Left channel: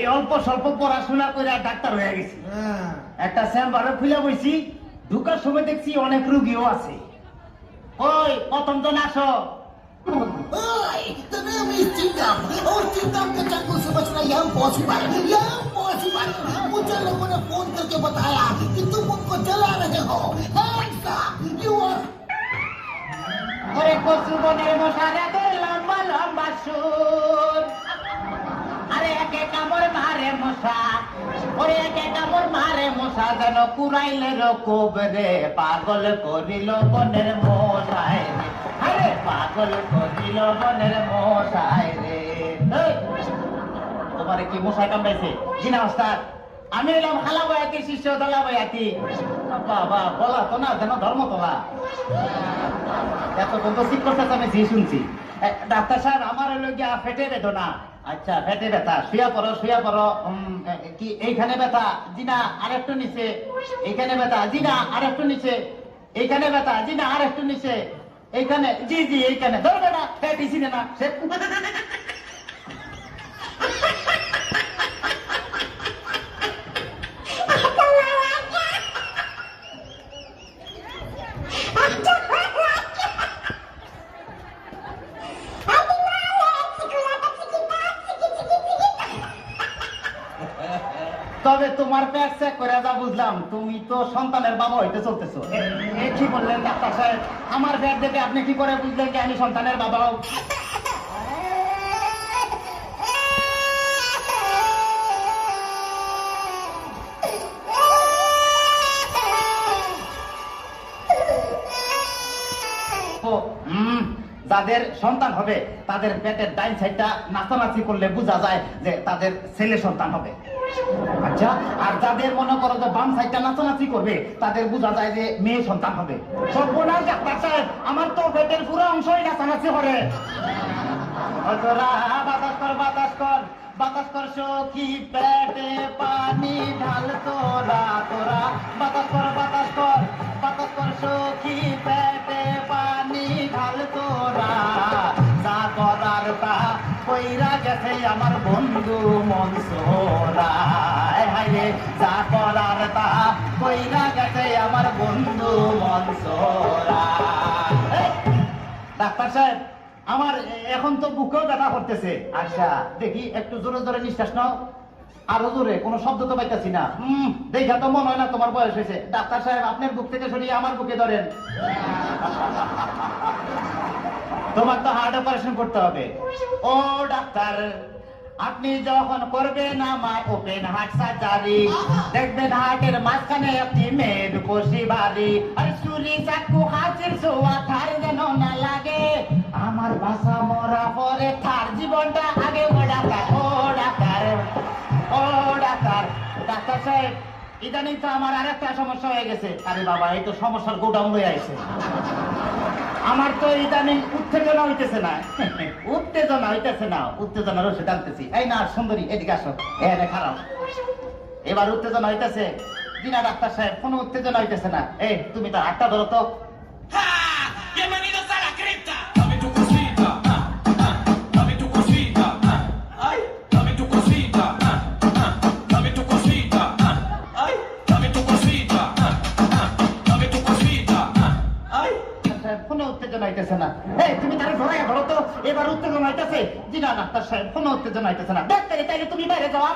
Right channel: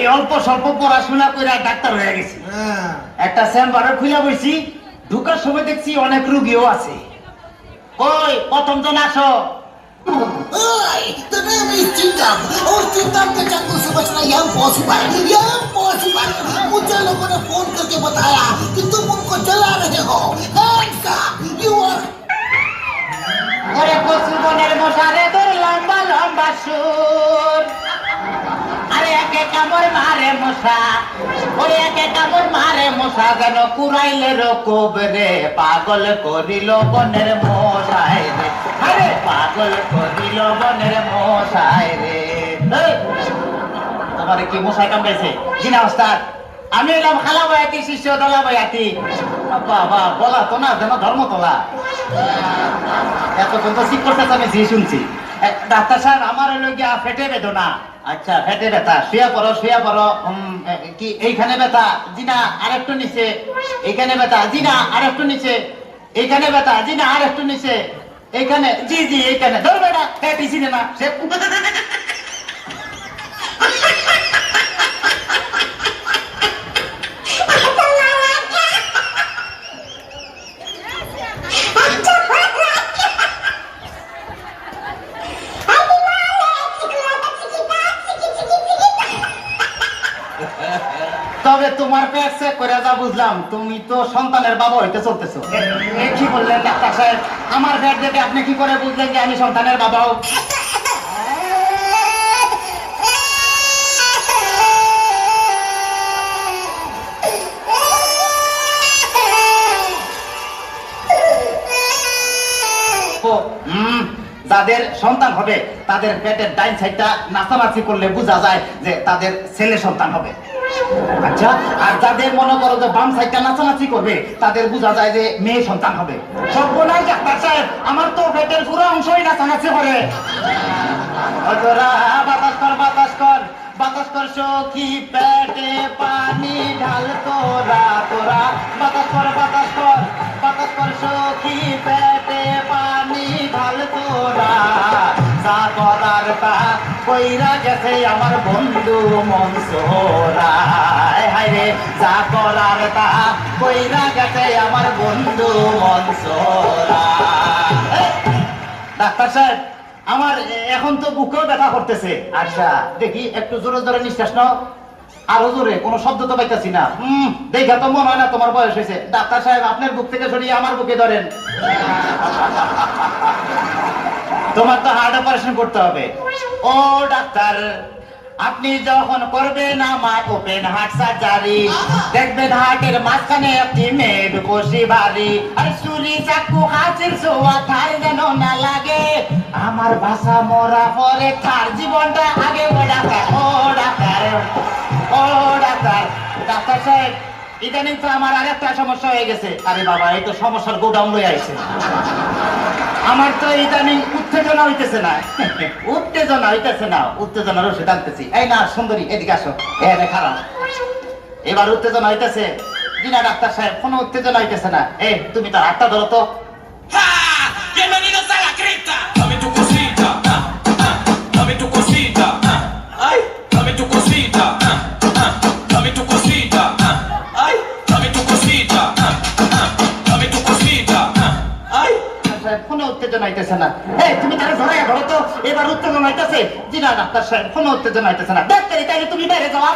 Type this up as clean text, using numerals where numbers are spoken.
এই অল্প স্বল্প পড়াশোনা করে ডাক্তার হয়ে গেছি। একটা চেম্বারে খুলে বইছি, ঢুকার সময় দেখছি অনেক রুগীও আছে। কই প্রথম জন আসো। The name is Chingam और चिंगम के जंगल से बचना यह इम्पॉसिबल। मुझे लोगों ने फोन करके बताया कि तुम उनको जला रहे हो। Hands up, you are ওরে কচু বনের মশারে তোর লম্বা লম্বা সুর, আরে একে কামড় মারে মশা, ওরে একে কামড় মারে মশা, যেন কুড়াইলে রকব রে, পাগল করিল বনের মশাই রে, আরে পাগল করিল বনের মশাই রে। তোমারে কি মশাই কামড়াইছে? জিনা ওস্তাদ, আমি এলাম খালা বয়াতি শিষ্য দলা বয়াতি। বাবা বলা তো না যেন ধর্ম তোলা। এতক্ষণ তো ঠিক করতে আমি জি শুনছি। ডাক্তার সাহেব আমার হলো গিয়া ফেটে বেদনা। আচ্ছা ফেটে ব্যথা, শুয়ে পড়ো শুয়ে পড়ো। কি এইখানে ব্যথা? জি না আরেকটু নিচে। এইখানে ব্যথা? জি না আরেকটু নিচে। এইখানে ব্যথা? জি না আরেকটু নিচে। এইখানে? জি জি এইখানে। ধরবে না ফেটিছি না সে। তবে তোমার পেট চেক করে যা বুঝলাম, তুমি তো সন্তানের বাবা হইতে চলতেছো। কি বললেন ডাক্তার সাহেব? আমার পেট দেখে আপনি কি করে বুঝলেন যে আমি সন্তানের বাবা? যাদের সন্তান হবে তাদের পেটের ডাইন সাইডটা নাচানাচি করলে বোঝা যায় যে তাদের ছেলে সন্তান হবে। আচ্ছা, আর যাদের মনে করো যে বাম সাইডটা নাচানাচি করবে তাদের বোঝা যায় যে মেয়ে সন্তান হবে। সর্বনাশ ডাক্তার সাহেব, আমার তো পেটের পুরো অংশই নাচানাচি করে। বাতাস কর বাতাস কর বাতাস কর সখী, পেটে পানি ঢাল তোরা তোরা। বাতাস কর বাতাস কর বাতাস কর সখী, পেটে পানি ঢাল তোরা। যা করার তা কইরা গেছে আমার বন্ধু মনসুরা। হায় রে যা করার তা কইরা গেছে আমার বন্ধু মনসুরা। ডাক্তার সাহেব, আমার এখন তো বুকেও ব্যথা করতেছে। আচ্ছা দেখি একটু জোরে জোরে নিঃশ্বাস নাও। আরো জোরে, কোনো শব্দ তো পাইতেছি না। দেখা তো মনে হয় না তোমার বয়স হয়েছে। ডাক্তার সাহেব, আপনার বুক থেকে সরিয়ে আমার বুকে ধরেন। তোমার তো হার্ট অপারেশন করতে হবে। ও ডাক্তার, আপনি যখন করবেন আমার ওপেন হার্ট সার্জারি, দেখবেন হার্টের মাঝখানে একটি মেড কোষি বাড়ি। আর চুরি চাকু হাঁচির ছোঁয়া ঠাই যেন না লাগে। আমার ভাষা মরা পরে তার জীবনটা আগে। ও ডাক্তার ও ডাক্তার ও ডাক্তার। ডাক্তার সাহেব, ইদানিং তো আমার আর একটা সমস্যা হয়ে গেছে। আরে বাবা, এই তো সমস্যার গোডাউন হয়ে আছে। আমার তো ইদানিং উত্তেজনা হইতেছে না। উত্তেজনা হইতেছে না, উত্তেজনার ওষুধ আনতেছি। এই না সুন্দরী, এদিকে আসো। খারাপ, এবার উত্তেজনা হইতেছে। জি না ডাক্তার সাহেব, কোনো উত্তেজনা হইতেছে না। এই তুমি তার হাতটা ধরো তো। Bienvenidos a la cripta. Dame tu cosita, dame tu cosita, ay, dame tu cosita, dame tu cosita, ay, dame tu cosita, dame tu cosita, ay. কোনো উত্তেজনা হইতেছে না। এই তুমি তারা ধরে ধরো তো, এবার উত্তেজনা হইতেছে। জি না ডাক্তার সাহেব, কোনো উত্তেজনা হইতেছে না। ডাক্তার, তাইলে তুমি বাইরে যাও।